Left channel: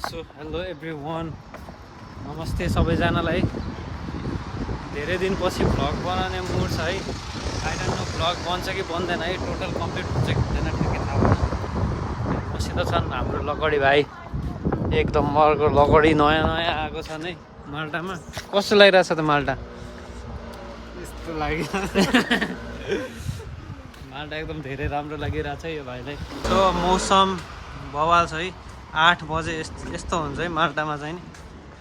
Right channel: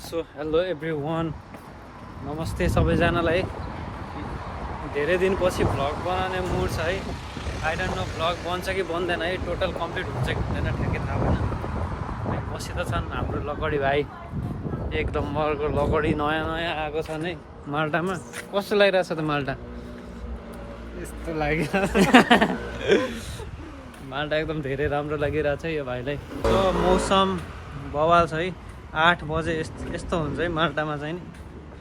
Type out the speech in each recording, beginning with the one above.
So hello everyone, नमस्ते सबैजनालाई। धेरै दिनपछि भ्लग बनाउने मुड छ है। आई डोन्ट नो भ्लग बन्छ कि बन्दैन है, टोटल कम्प्लिट हुन्छ कि हुँदैन ठ्याक्कै थाहा भएन। मसित छन् हाम्रो लकडी भाइ, एकदम मर्को लकडी नयाँ नयाँ आएको छन् है माल्टामा। कस्तो लागिरहेछ त माल्टा? यस्तो लाग्यो माल्टा एकदम धेरै राम्रो लागिरहेछ है यो भाइलाई। त्यो मौसम बवाल छ है। 8 बजे यस्तो हुन्छ है माल्टामा चाहिँ नि।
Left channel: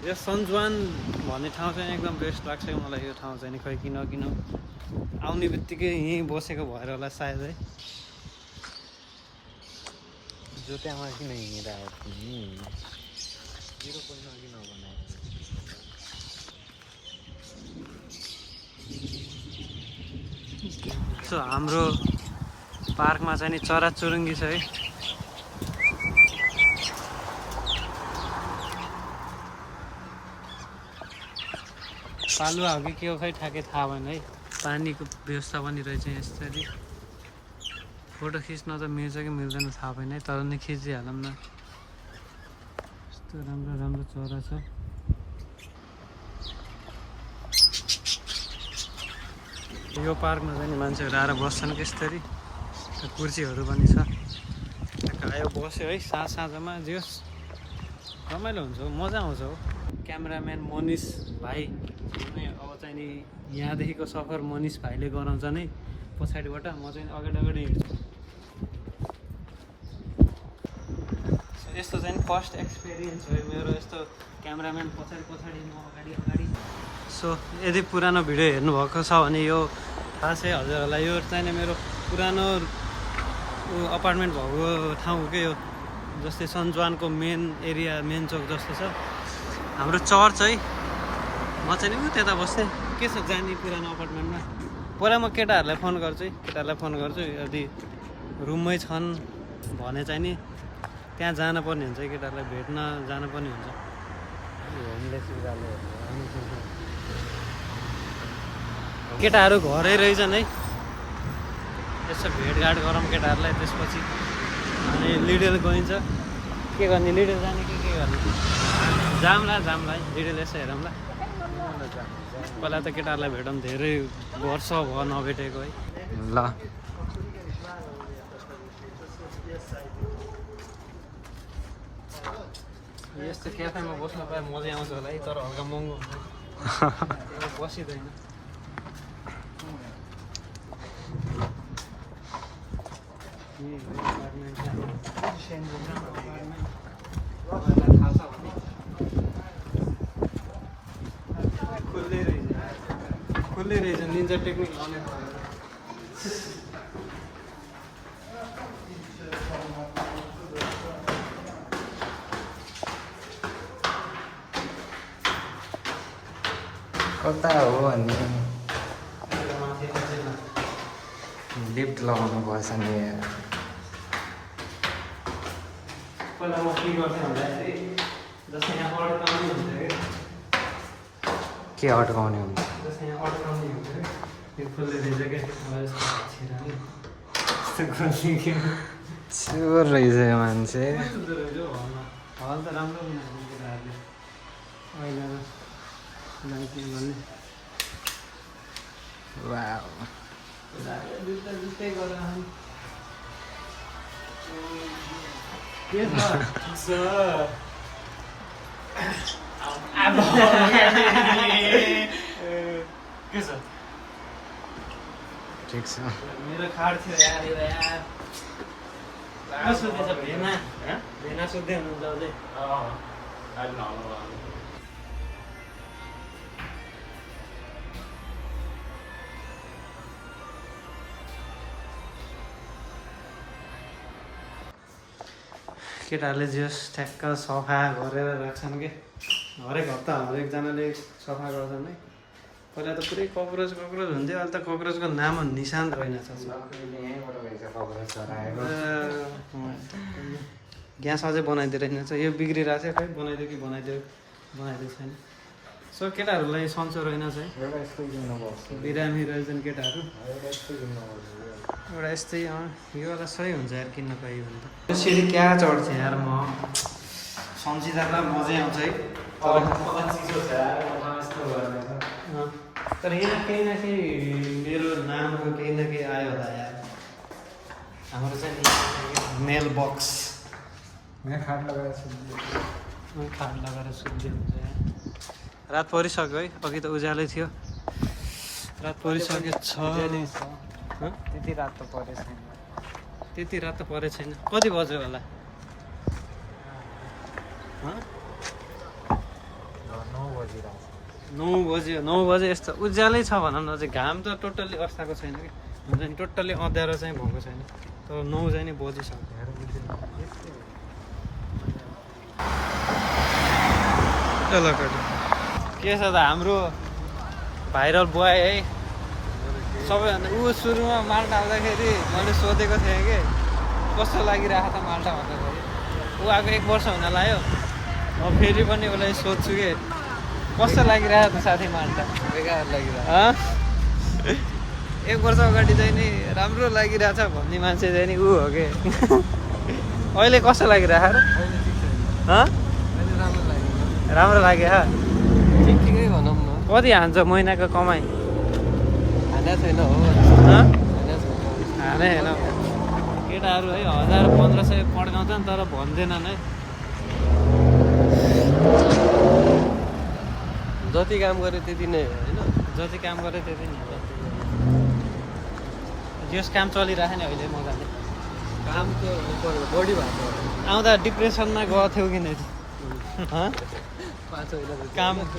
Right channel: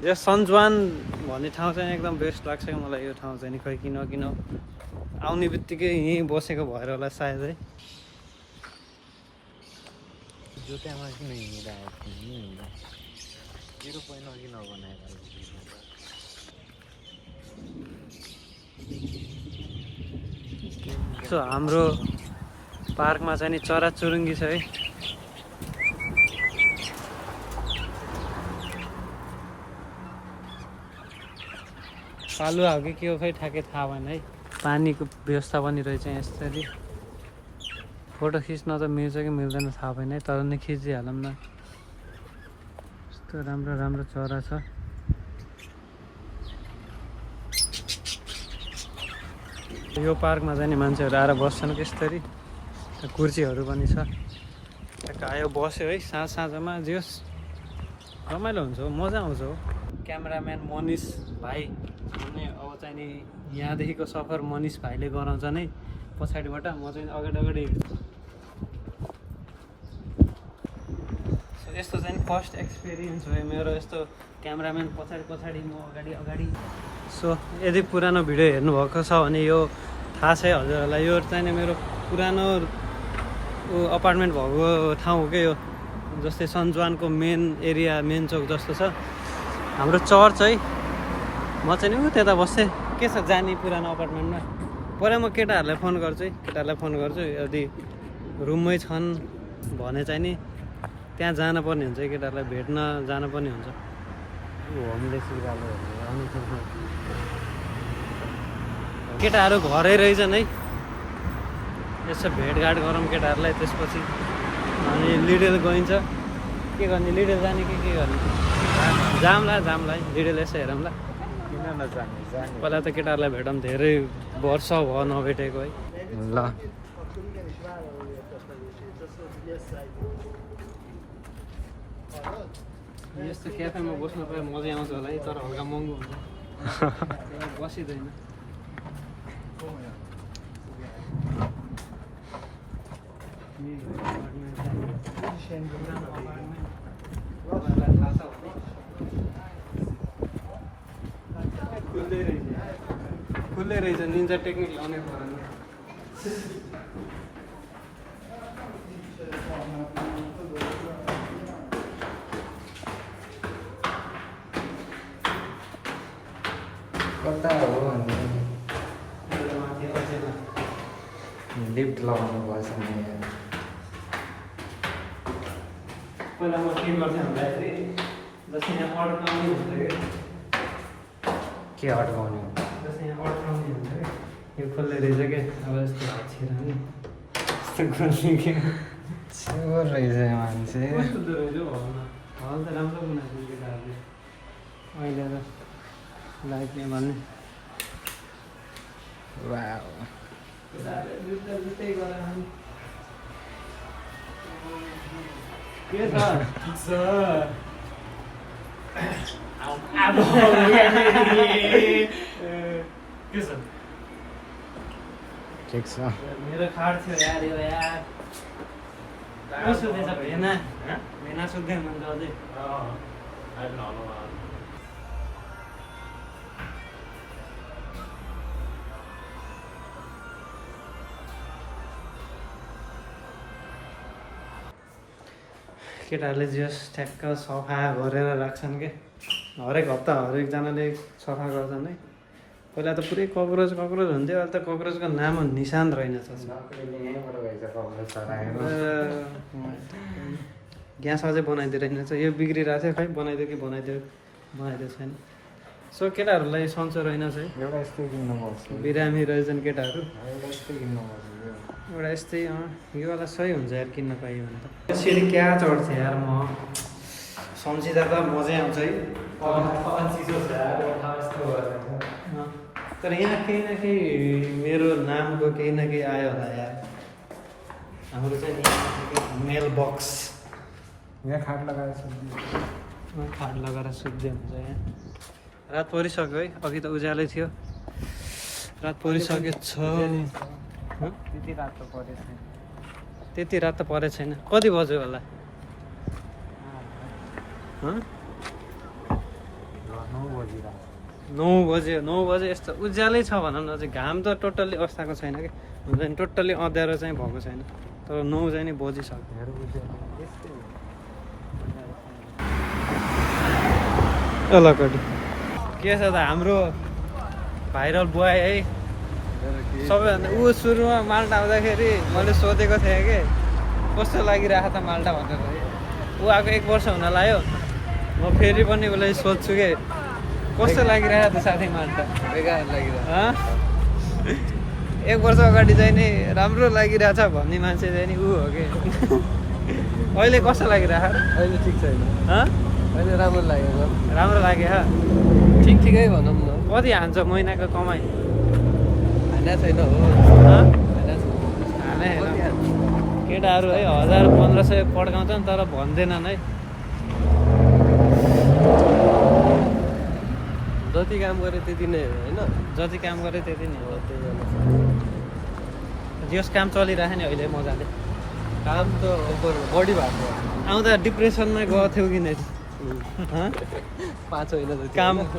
यो सन्जुवान भन्ने ठाउँ चाहिँ एकदम बेस्ट लाग्छ कि मलाई। यो ठाउँ चाहिँ नि खै किन आउने बित्तिकै यहीँ बसेको भएर होला सायद है। जुत्तामा किन हिँडिरहेको तिमी पहिला किन बनाएर सो हाम्रो पार्कमा चाहिँ नि चराचुरुङ्गी छ है। पालुवा हो कि के हो खै ठ्याक्कै थाहा भएन है। पानीको व्यवस्था पनि रहेछ यसरी। फोटो खिच्न त मिल्छ कि मिल्दैन थाहा भएन है, तर नि खिचिहालौँ न। यस्तो राम्रो राम्रो चरा छ। यो पार्कमा चाहिँ नि मान्छेहरू आएर बस्छन् कि यसरी। कुर्सीहरू पनि छ। यो बस्यो है साँझमा जे रमाइलो हुन्छ हो, मजा आउँछ हो। क्यामेराम्यान मनिष भाइ भने अब चाहिँ नि यहाँदेखिको सफर मनिष भाइले गराउँछ नै पछाडिबाट, म चाहिँ अगाडि हेर्छु। यस्तो चाहिँ फर्स्ट एक्सपिरियन्स हो मेरो, यस्तो क्यामेराम्यान पछाडि म अगाडि। सो यदि पुरानो भिडियो हेर्नुभएको छ भने यो थाहा छ है हजुरहरूलाई। यो चाहिँ नि मेरो पुरानो अपार्टमेन्ट भएको ठाउँ हो क्या यो। जस्तै सन्जुवानको मेन एरिया, मेन चौक जस्तो छ हाम्रो चर्च है। म चाहिँ नि त्यता बस्थेँ। के छ जाने पुरानो अपार्टमेन्टमा? पहिला म केटाहरूलाई फोन गर्छु यदि रुममै छन् भने चाहिँ नि त्यहाँ जानुपर्ने हुन्छ है, केटाहरूलाई भेट्न जानुपर्ने हुन्छ। केटाहरू घरै रहेछन् है। यसो भेटघाट गरौँ केटाहरूलाई। त्यसपछि अनि लिडल गइन्छ। के गर्ने? लिडल जाने कि के गर्ने? जामला लिडल यसो हेरौँ ल। पहिला त केटाहरूलाई भेटौँ, धेरै वर्ष भयो नभेटेको है। ल यस्तो क्याफेमा बस्नु पाए मजा आउँछ होला है, तर हल्का महँगो बसिँदैन। खुल्लै रहेछ निन्जा टेक्निक लाउने पर्यो। कता हो भन्ने लिफ्ट लगाउनु पर्छ नि। पहिला म के गर्थेँ भन्दाखेरि जस्तै यहाँ अड्काउने हुन्छ कि, के अड्काउने हुन्छ? जस्तै यहाँ अड्काउने हुन्छ कि यो खोल्ने रहेछ क्या। अब यस्तो छिरा नि यस्तो खोल्ने कि चोर रहेछ यो मान्छे। कस्तो रहेछ हौ हल त राम्रो बनाइदियो केटाहरूले। अहिले त लाइक यहाँ भन्ने वाउ जुत्तै गरेर के छ? के छ? ठिक छ। मेरो कार्ड थियो यार। को सोधेछ? भेना सोध्दै हुनुहुन्छ अझै? केटाहरूले जस ठ्याक्क सफा गरेर राख्छन् क्या। हरेक हप्ता हरेकजनाले सफा गर्छन् है। पहिला त पुरै कक्रोच हुन्थ्यो, अहिले त कक्रोचको नाम निशान रहेनछ। ग्यास अझै बनाइदिएर रहेनछ। यो बिग्रिरहेको थियो, खै बनाइदिएको छैन। सो केटाहरूलाई सन्चो रहेनछ है। बिरामी रहेछन् केटाहरू। एउटा यस्तै यो वाला सही हुन्छ यार किन्न पाइयो भने त। यसरी क्या चढ्थेँ यार म। सम्झिँदा त मजै आउँछ है तर यहाँ केही न केही मेरो नामको केही न केही आयो होला यार हाम्रो चाहिँ मेल बक्स यहाँ खाट लगाएर सुत्ने। खाट लगाएर सुत्दै हुन्छ यहाँ रात परिसक्यो है अघि त उज्यालै थियो रात परिसकेको छ त्यति रात त परेछ। त्यति रात त परेको छैन कति बज्यो होला 9 बजे यस्तो उज्यालै छ भनौँ न चाहिँ घाम त टोटल्ली अस्ताएको छैन कि हुन्छ नि टोटल्ली अँध्यारो चाहिँ भएको छैन तर 9 चाहिँ नि बजिसक्यो के छ त हाम्रो भाइरल बोय है सबैभन्दा ऊ सुरुमा माल्टा आउँदाखेरि मैले सोधेको थिएँ कि कस्तो लागिरहेको त माल्टा भनेर है ऊ आएको 1 वर्ष हुन लाग्यो म फेरि पनि उसलाई सोध्छु कि कस्तो लागिरहेको त साथी माल्टा बेकार लागिरहेको 1 वर्ष अगाडि चाहिँ नि राम्रो लागिरहेछ भन्ने मान्छे चाहिँ नि ऊ हो कि अहिले कस्तो लागिरहेको अहिले ठिक छैन अहिले राम्रो लागेको राम्रो लाग्यो ठिकै भनौँ न। कति हान्छ महिनाको कमाइ खाना छैन हो हाने केटाहरू है 1000-1500 पड्काउँछन् तर भन्दैनन् है जति काम गर्यो त्यति नै हो होइन जति काम गर्यो त्यति नै हो जस काम चलिरहेको नि अहिले मजाले काम त बढी भएको आउँदा डिप्रेसनमा गएको थियो कि नै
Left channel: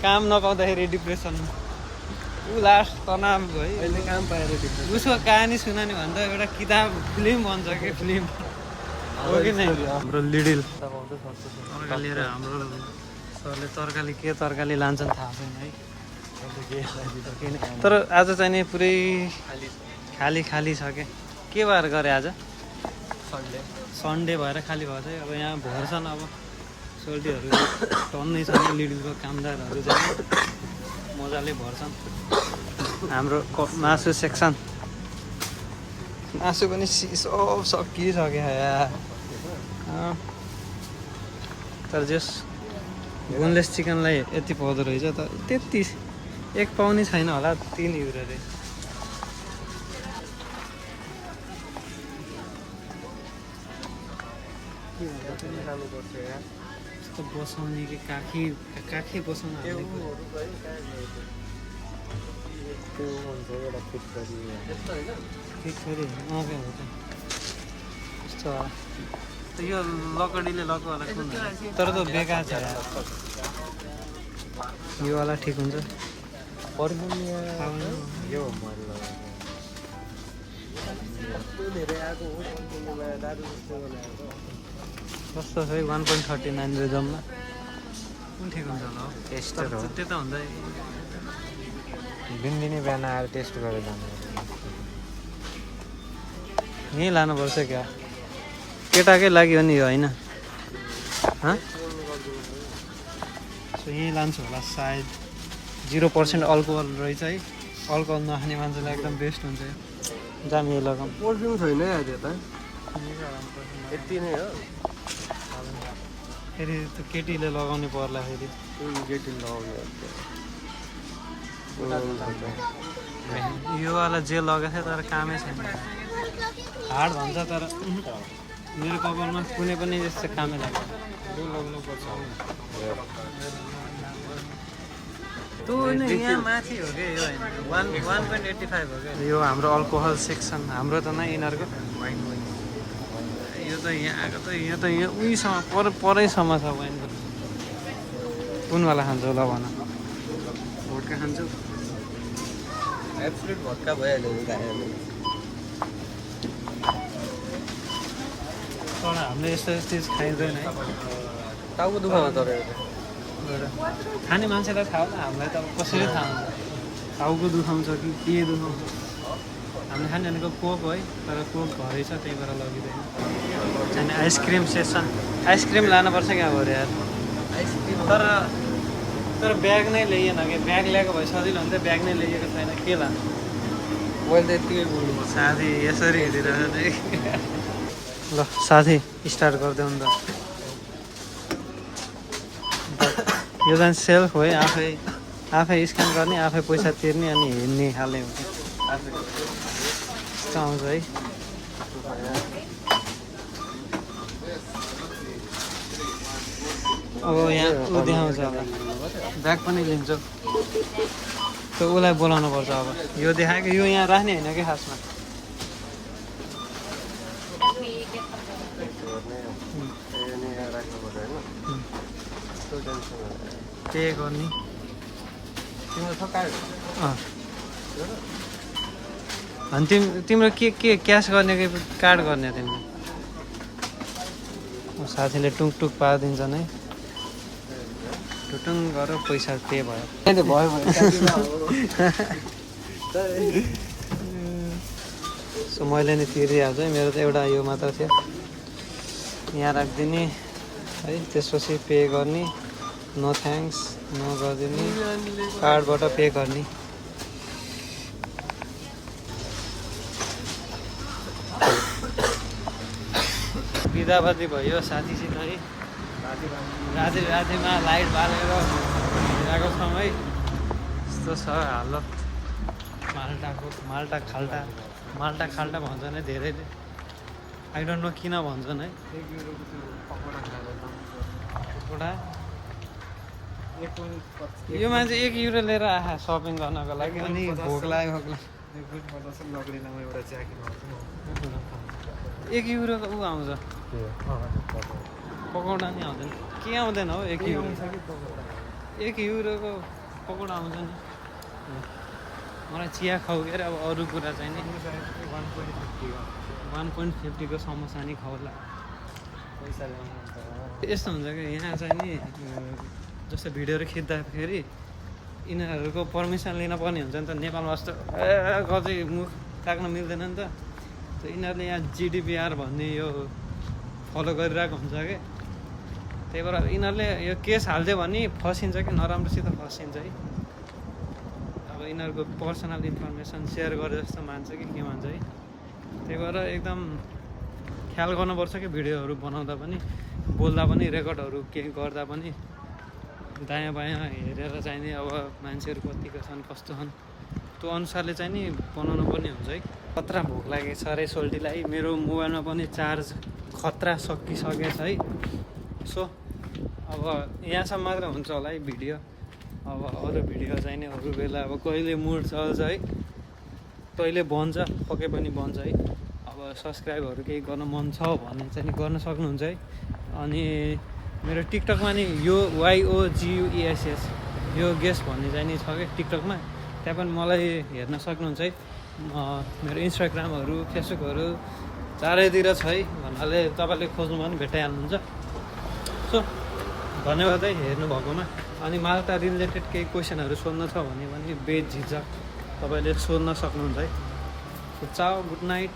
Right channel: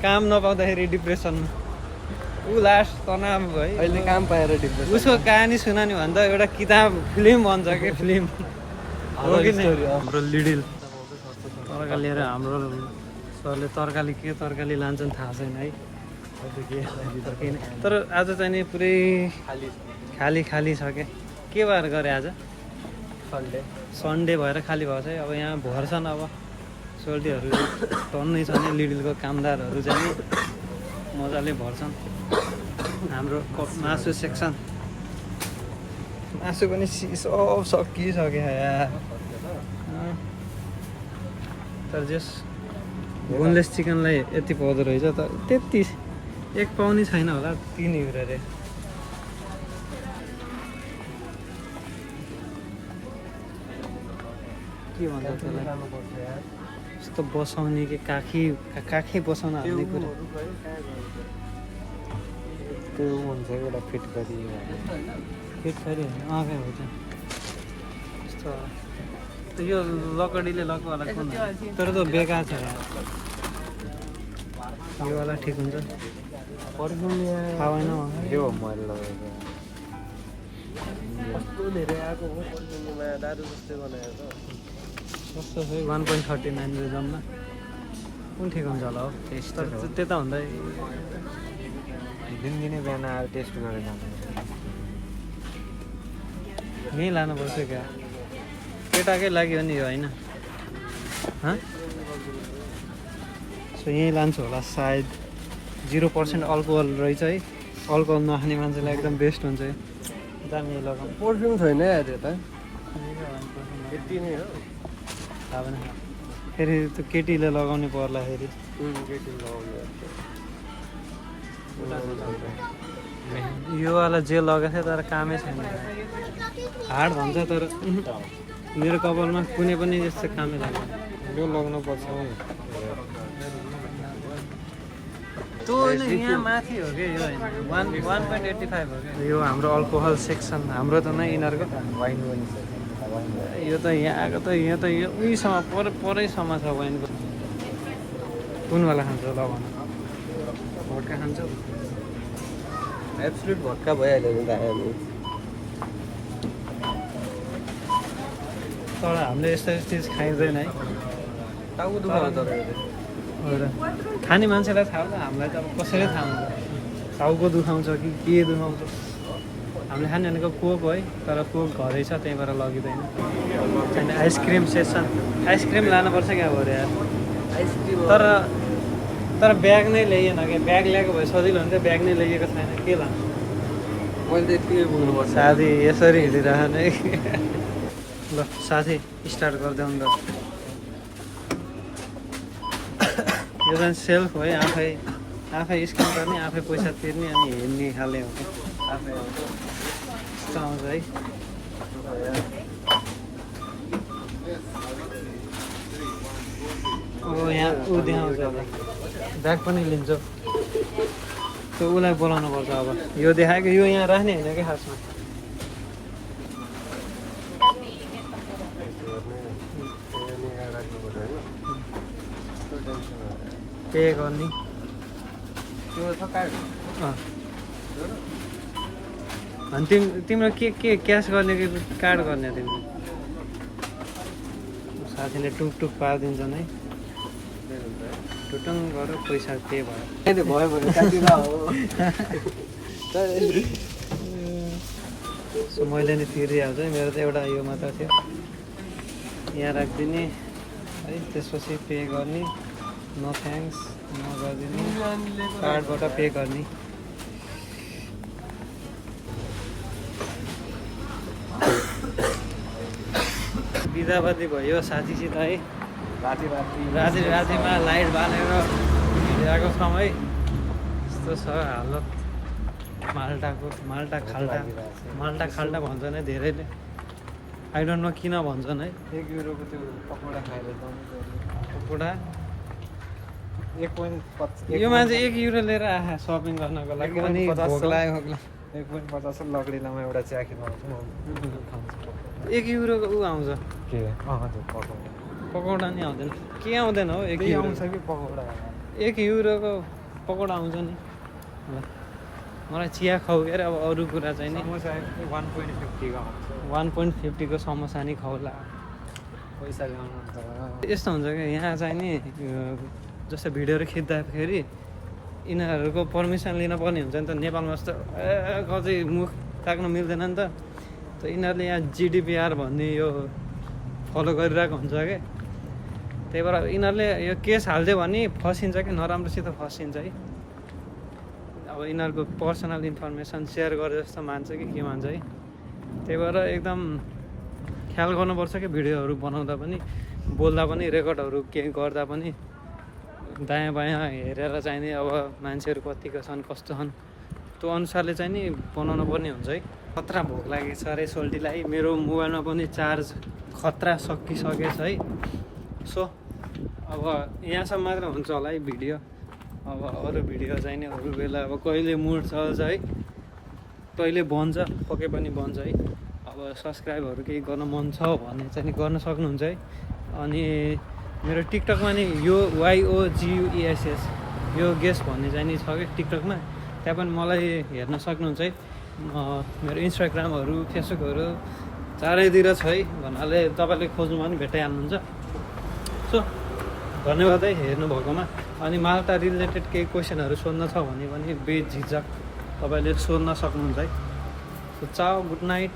काम नपाउँदाखेरि डिप्रेसनमा ऊ लास्ट तनाव है अहिले काम पाएर डिप्रेसन उसको कहानी सुनाउने भन्दा एउटा किताब फिल्म भन्छ कि फिल्म हो कि नि हाम्रो लिडिल तरकारी लिएर हाम्रो सरले तरकारी लान्छन् थाहा छैन है तर आज चाहिँ नि पुरै खाली छ के भएर गरे आज सन्डे भएर खाली भएको छ है अब यहाँ भर्छन् अब सोल्टीहरू टन्नै छ नि लिडिलको कामदारहरू चाहिँ नि मजाले भर्छन् हाम्रो मासु सेक्सन मासु पनि सब सकिसक्यो यार तर जस बोनलेस चिकनलाई यति पाउँदो रहेछ त त्यति 1 पाउने छैन होला 3 युरो रे के भन्छ यस्तो बसाउने कि काखी बसाउन हाल्ने कुरा फिट गरी हो त यस्तो त यो लकडीले लगवाला कुन तर त बेकार छ यार यो वाला ठिक हुन्छ थाहा भएन सस्तो छ है 1.39 जम्मा कुन ठिक हुन्छ होला हो तर त्यता हुँदा दिनदिनै बिहान आएर टेस्ट गरेर यहीँ लानुपर्छ क्या केटाकै लागि हो नि यो होइन सो यहीँ लान्छु होला सायद 0% अल्कोहल रहेछ है अल्कोहल नखाने मान्छेलाई एकदम बेस्ट हुन्छ है जाने लगाउनु पर्फ्युम छैन यार यता यति नै हो फेरि त्यो केटीले लगाउने पर्ला फेरि यो वाला जे लगाएको थियो तर कामै छैन हार्ड भन्छ तर मेरो कपालमा कुनै पनि जस्तो कामै लाग्यो यो लगाउनु पर्छ त्यो यहाँ माथि हो कि यो होइन 1.85 हो क्या यो हाम्रो अल्कोहल सेक्सन हाम्रो त नै यिनीहरूको यो त यहाँ आएको त यहाँ त यो उहीसँग परैसम्म छ वाइनको कुनवाला खान्छौ ल भन भोटका खान्छौ भट्का भइहाल्यो नि त तर हामीले यस्तो चिज खाइँदैन है टाउको दुखाउँछ खाने मान्छेलाई थाहा हुन्छ हामीलाई त अब कसरी थाहा हुन्छ टाउको दुखाउँछ कि के दुखाउँछ हामीले खाने भनेको कोक है तर कोक घरै छ त्यहीँबाट लगिँदैन त्यहाँदेखि आइसक्रिम सेसन आइसक्रिम लानुपर्छ क्या भरे यार तर ब्याग नै ल्याइएन क्या ब्याग ल्याएको भए सजिलो हुन्थ्यो ब्याग नै ल्याइएको छैन के लान्छ मैले त यति पुग्नुपर्छ साथी यसरी हिँडिरहने ल साथी स्टार्ट गरिदेऊ नि त यो चाहिँ सेल्फ हो है, आफै स्क्यान गर्ने, आफै पैसा तिर्ने अनि हिँड्ने खाले हो क्या। यस्तो आउँछ है। अब यहाँ ऊ देखाउँछ होला, ब्याग पनि लिन्छ, त्यो उसलाई बोलाउनु पर्छ। अब यो देखाएको, यो यहाँ राख्ने होइन क्या खासमा। पे गर्ने अनि तिम्रो के क्यास गर्ने कि कार्ड गर्ने तिम्रो? साथीले टुक पारिदिन्छ नै, टुटुङ गर पैसा पे भयो। सो मैले नि तिरिहाल्छु है, मेरो त एउटा यो मात्र थियो, यहाँ राखिदिने है। त्यसपछि पे गर्ने, नो थ्याङ्क्स नगरिदिने, कार्डबाट पे गर्ने। बिदाबादी भयो साथीसित है, रातिमा लाइट बालेर हिँडिरहेको समय यस्तो छ हालत। माल्टा खाल्टा भन्छन् है धेरैले, आई डोन्ट नो किन भन्छन् है। 1 युरोको त्यो पकौडा खाएर पकोडा 1.50 यो मान्छे 1 युरो लिएर आहा सपिङ गर्नको लागि, अनि भोक लाग्यो 1.50 लग्रीलामा एउटा चिया किन आउँछ 1 युरोको ऊ आउँछ पकौडा नि आउँदैन, के आउँदैन हो 1 युरो। 1 युरोको पकौडा आउँछ नि। मलाई चिया खाऊ के अरे, अब अरू कुरा चाहिँ नि 1.50 को समोसा नि खाउला। यस्तो हुन्छ क्या यहाँ चाहिँ नि, जस्तो भिडियोहरू खिच्दाखेरि यिनीहरूको पर्मिसन लिन पर्ने हुन्छ नि त। नेपालमा जस्तो कतै मुख ताक्न मिल्दैन नि त। यिनीहरूले यहाँ GDPR भन्ने यो फलो गरिरहेको हुन्छ क्या। त्यही भएर यिनीहरूले यो केस हालिदियो भने फसिन्छ कि, नराम्रोसित फसिन्छ है। अब यिनीहरूको पर्सनल इन्फर्मेसन सेयर गरे जस्तो मान्छ कि के मान्छ है। त्यही भएर एकदम ख्याल गर्नुपर्छ कि भिडियोहरू बनाउँदा पनि, बोल्दा पनि, रेकर्डहरू के गर्दा पनि दायाँ बायाँ हेरेर चाहिँ नि अब मान्छेहरू कतिको छन् कस्तो छन् त्यो अनुसारले चाहिँ नि बनाउनु पर्ने हुन्छ है। खतरा भोक लागेको छ अरे सोल्टीलाई, मेरो मोबाइलमा पनि चार्ज खतरा सकिसकेछ है। सो अब यहाँसम्म मात्र हुन्छ होला है भिडियो। अब अरू भिडियो चाहिँ नि अरू बेला अब कहिले मुड चल्छ है, कहिले बन्छ, पक्कै पनि बन्छ है। अब सब्सक्राइबहरू केही गर्न मन छ भने चाहिँ नि गर्न सक्नुहुन्छ है। अनि मेरो टिकटकमा नि यो YOGUESS यो गेस भन्ने चाहिँ नि छ क्या टिकटकमा, त्यहाँ पनि मलाई हेर्न सक्नुहुन्छ है। मेरो इन्स्टाग्रामहरू फेसबुकहरू चारैतिर छ है भन्नाले तपाईँले खोज्नुभयो भने भेटाइहाल्नुहुन्छ। सो धन्यवाद है हेर्नु भएकोमा। अनि माल्टा रिलेटेड केही क्वेसनहरू सोध्न छ भने पनि बेझिझक तपाईँले सोध्न सक्नुहुन्छ है। सो चाओ, गुड नाइट।